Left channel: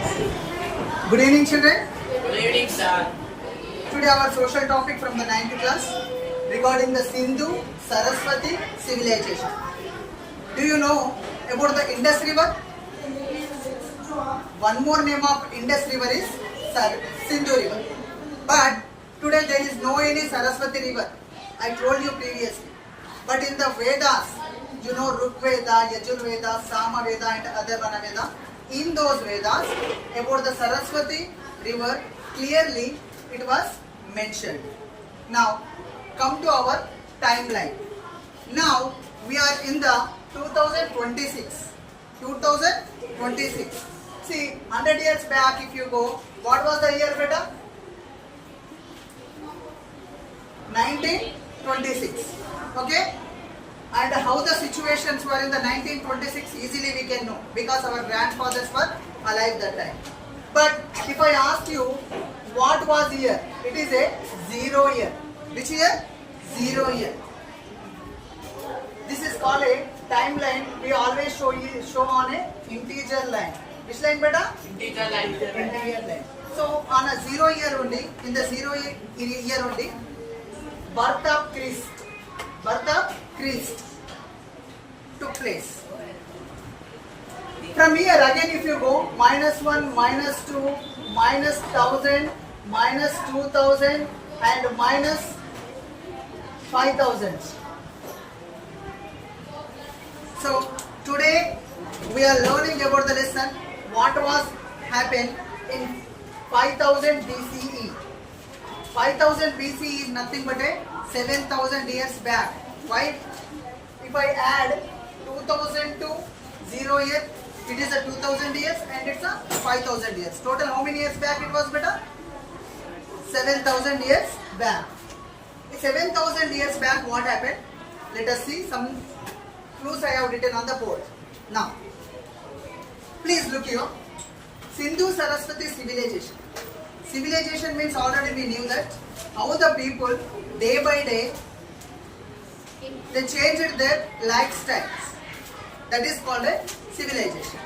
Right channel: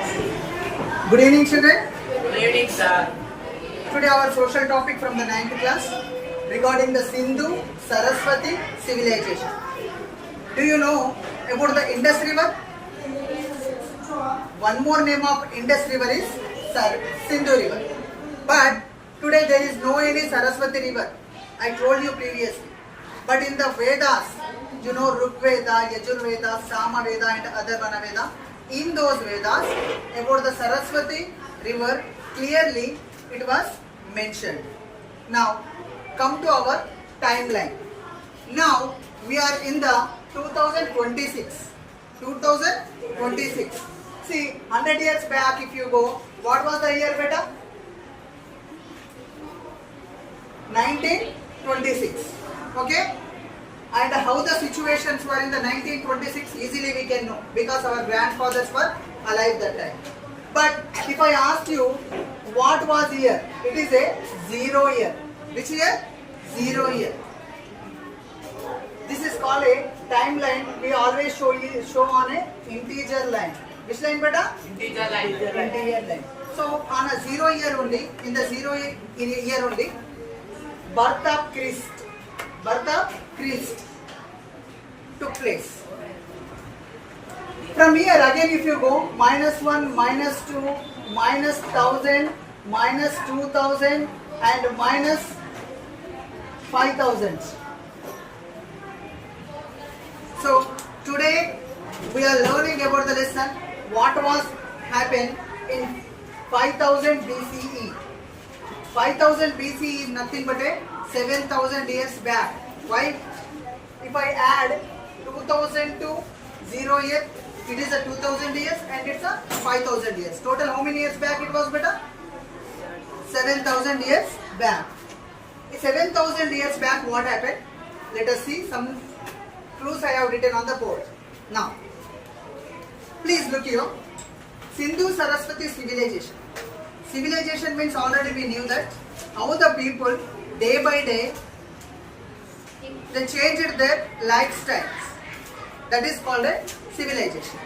Good evening, children. Good evening, sir. Today our social topic from the 9th class regarding the Sindhu Saraswati civilization. Do you know about the Indus River? One more name of Indus River is Sindhu River. But today there is no any Saraswati River. I told you previously. But in the Vedas, you know Rig Veda, Yajur Veda, Sama Veda and Atharvana Veda. In those Vedas, about the Saraswati River, clearly it was mentioned. Now, come to our timeline. Now, we are in the 2026. 2026. See, 100 years back if you go, what was the year beta? 1926. Okay? And how the situations were in the 1926 easily we can know because our grandfathers were alive that time. But if I ask you what was year, it is a 0 year. Which year? 0 year. This is called a timeline. We always show on a integer line. Which line beta? Integer line. Integer line. So on a 0 year only, in the 0 year only, birth of Christ took place. From here again if you go, -1, -2, -1000, -2000 and -5000. So today we are learning about the lesson what was happened in 5000 BCE. 5000 BCE is nothing but a 7000 years back. Why? If I add 2000 to 0 year, it is a 2000 years and it's a 5000 years. Total how many years back it was beta? 7000 years back. 7000 years back what happened? Let us see some clues I have written on the board. Now, please look here. Sindhu Saraswati civilization. Civilization means already we knew that how the people day by day they changed their lifestyles. That is called a civilization.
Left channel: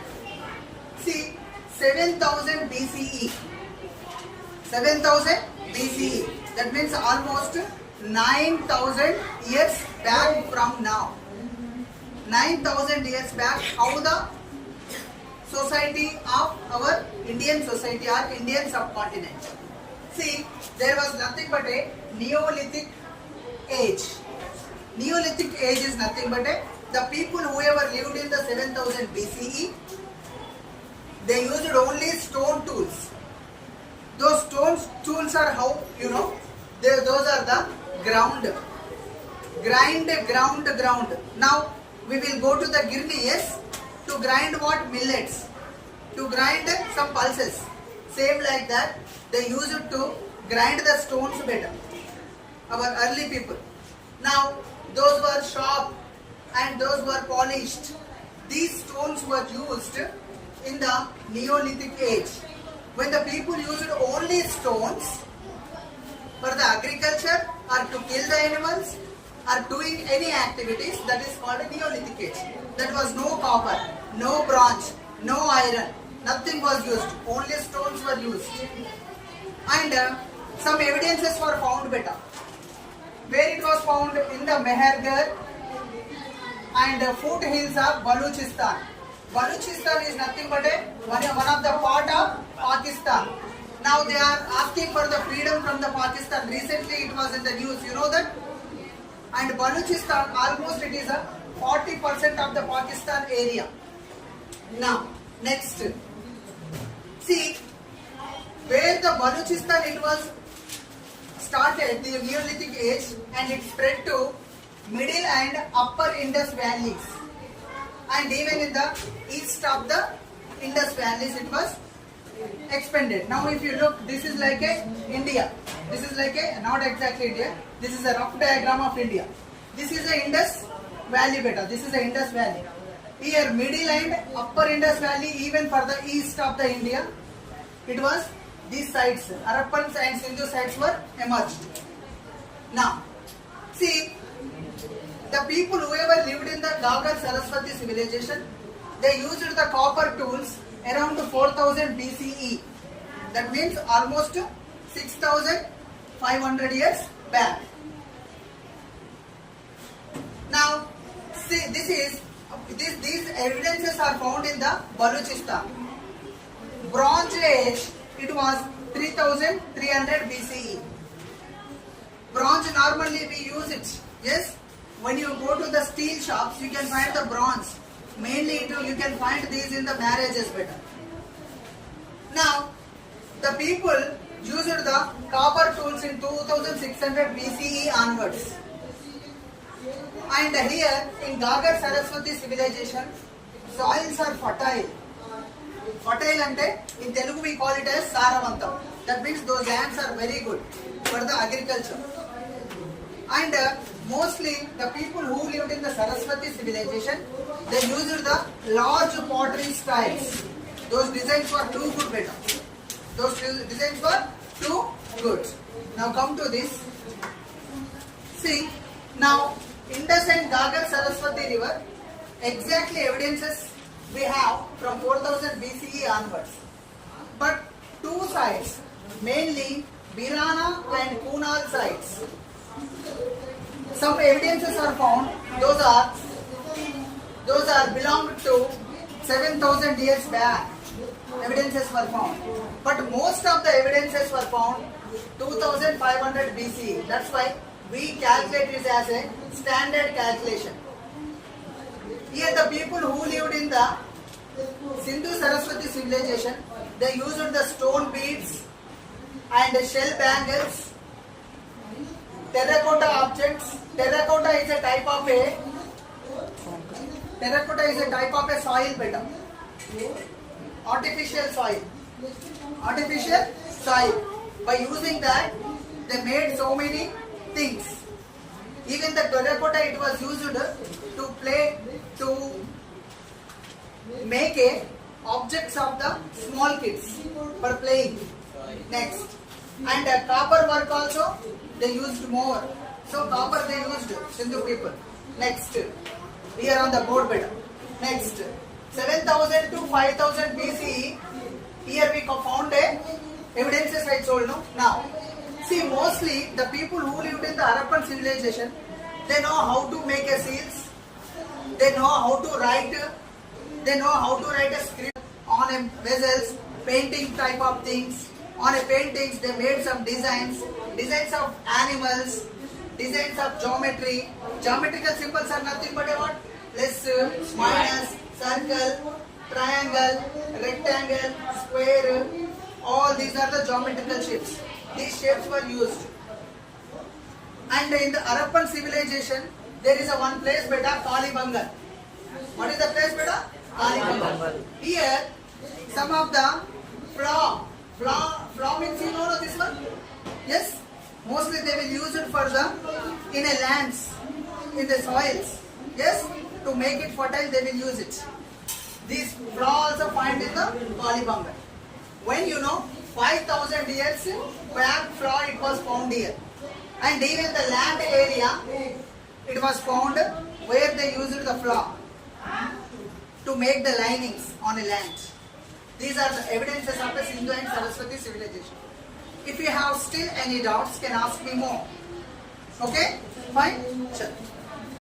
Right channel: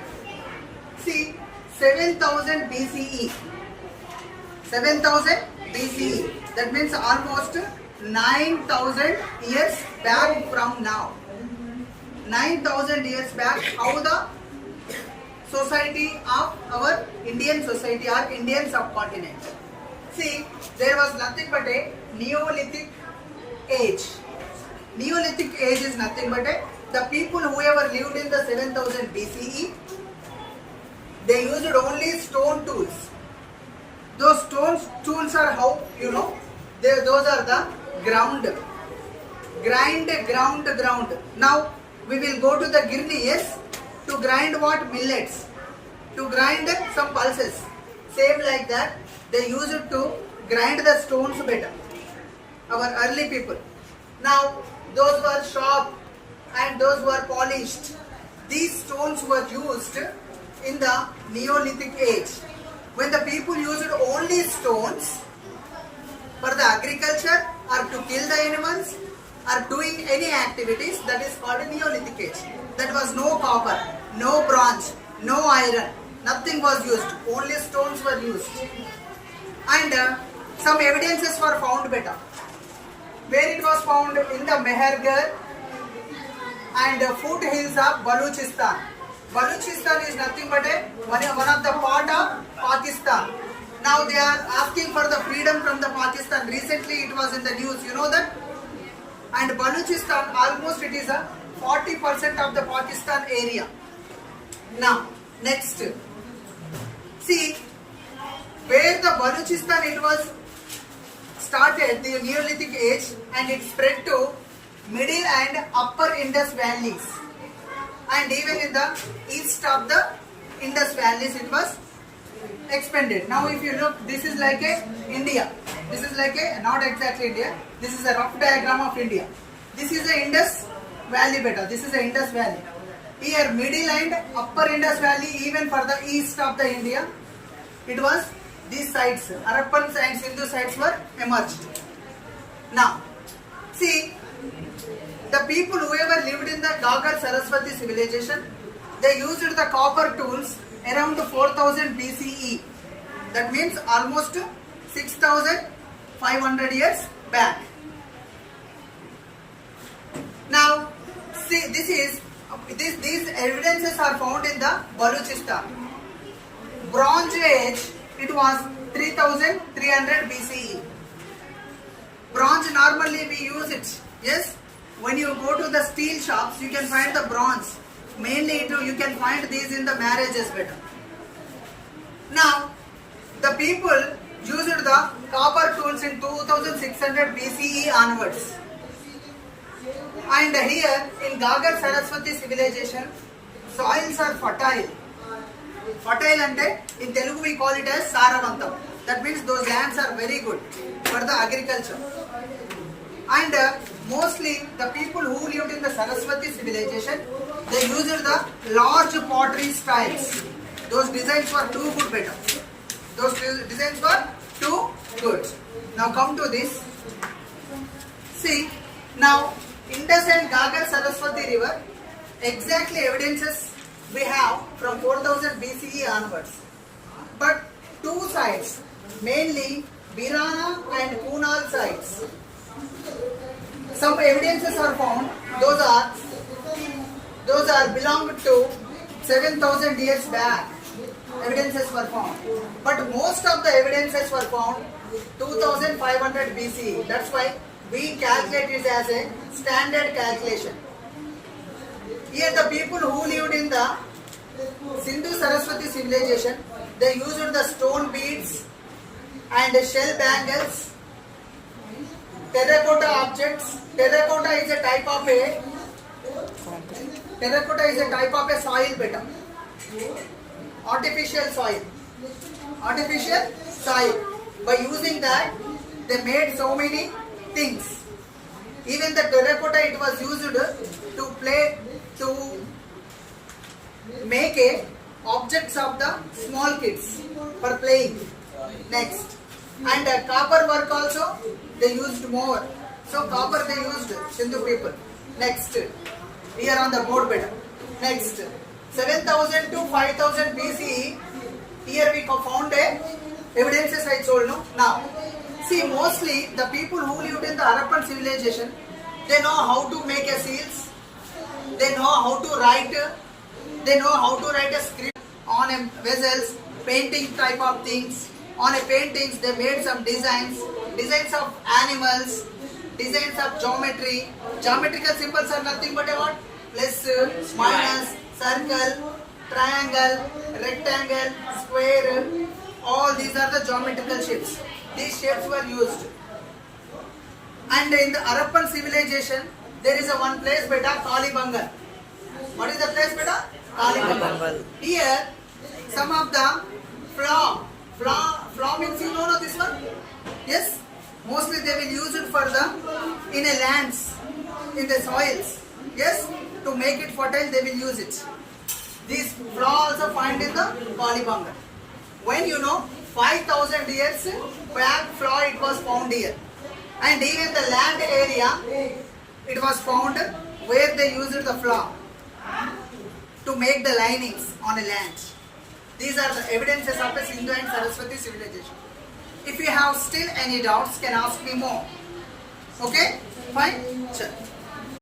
See, 7000 BCE. 7000 BCE. That means almost 9000 years back from now. 9000 years back, how the society of our Indian society or Indian subcontinent. See, there was nothing but a Neolithic age. Neolithic age is nothing but the people whoever lived in the 7000 BCE, they used only stone tools. Those stone tools are how, you know, those are the ground. Ground. Now, we will go to the girni, yes, to grind what? Millets. To grind some pulses. Same like that, they used it to grind the stones better. Our early people. Now, those were sharp and those were polished. These stones were used in the Neolithic age. When the people used only stones for the agriculture or to kill the animals or doing any activities, that is called a Neolithic age. That was no copper, no bronze, no iron, nothing was used. Only stones were used. And some evidences were found better. Where it was found in the Mehergarh and foothills of Baluchistan. Baluchistan is nothing but one of the part of Pakistan. Now they are asking for the freedom from the Pakistan. Recently it was in the news, you know that? And Baluchistan, almost it is a 40% of the Pakistan area. Now, next. See, where the Baluchistan it was started the Neolithic age and it spread to middle and upper Indus valleys, and even in the east of the Indus valleys it was expanded. Now if you look, this is like a India. This is like a, not exactly India, this is a rough diagram of India. This is the Indus Valley beta. This is the Indus Valley. Here middle and upper Indus Valley, even for the east of the India, it was these sites, Harappan and Sindhu sites were emerged. Now, see, the people whoever lived in the Gagar Saraswati civilization, they used the copper tools around 4000 BCE. That means almost 6500 years back. Now, see, these evidences are found in the Baluchistan. Bronze Age, it was 3300 BCE. Bronze, normally we use it. Yes, when you go to the steel shops, you can find the bronze. Mainly, you can find these in the marriages better. Now, the people used the copper tools in 2600 BCE onwards. And here in Gagar Saraswati civilization, soils are fertile. Fertile ante in Telugu we call it as Saravantam. That means those lands are very good for the agriculture. And mostly the people who lived in the Saraswati civilization, they used the large pottery styles. Those designs were too good better. Those designs were too good. Now come to this. See, now Indus and Gagar Saraswati river, exactly evidences we have from 4000 BCE onwards. But two sites, mainly Birana and Kunal sites, some evidences are found. Those are belong to 7000 years back. Evidences were found, but most of the evidences were found 2500 BCE. That's why we calculate it as a standard calculation. Here the people who lived in the Sindhu Saraswati civilization, they used the stone beads and shell bangles, terracotta objects. Terracotta is a type of a soil better. Artificial soil. By using that, they made so many things. Even the terracotta, it was used to make objects of the small kids for playing. Next, and copper work also they used more. So copper they used, Sindhu people. Next, we are on the board better. Next, 7000 to 5000 BCE. Here we found evidences I told you. Now, see, mostly the people who lived in the Harappan civilization, they know how to make a seals. They know how to write. They know how to write a script on a vessels, painting type of things. On a paintings, they made some designs of animals, designs of geometry. Geometrical symbols are nothing but what? Plus, minus, circle, triangle, rectangle, square. All these are the geometrical shapes. These shapes were used. And in the Harappan civilization, there is a one place beta, Kalibangal. What is the place beta? Kalibangal. Here, some of the flaw means you know this one? Yes? Mostly they will use it for the, in a lands, in the soils. Yes? To make it fertile, they will use it. These flaw also find in the Kalibangal. When 5000 years back flaw it was found here. And even the land area, it was found where they used the flaw to make the linings on a land. These are the evidences of the Sindhu and Saraswati civilization. If you have still any doubts, can ask me more. Okay? Fine? Sure.